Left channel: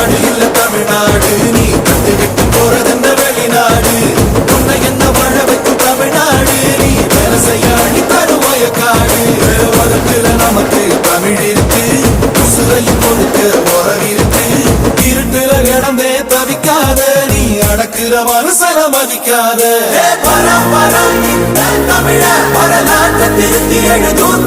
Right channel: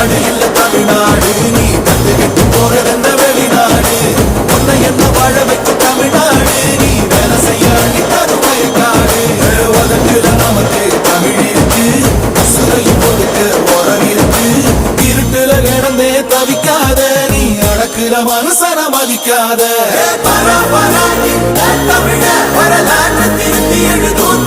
நாடு இல்ல தமிழ்நாடு, நீ தந்துவிட்டு போறதென்ன வெளிநாடு. உன்னை என்ன வாழ வைக்கும் தமிழ்நாடு, நீ வேலை செய்யாடி தருவய காடு. உலகத்துல நமக்கு தமிழ் இருக்கு, உசுரையும் கொடுக்க உறவு இருக்கு. இருட்டுல கிடந்தே தவிக்காத, நீ அடக்குற மனுஷன மதிக்காத. பரம் பரம் தமிழ வரலாற்று திருத்தி எழுதும்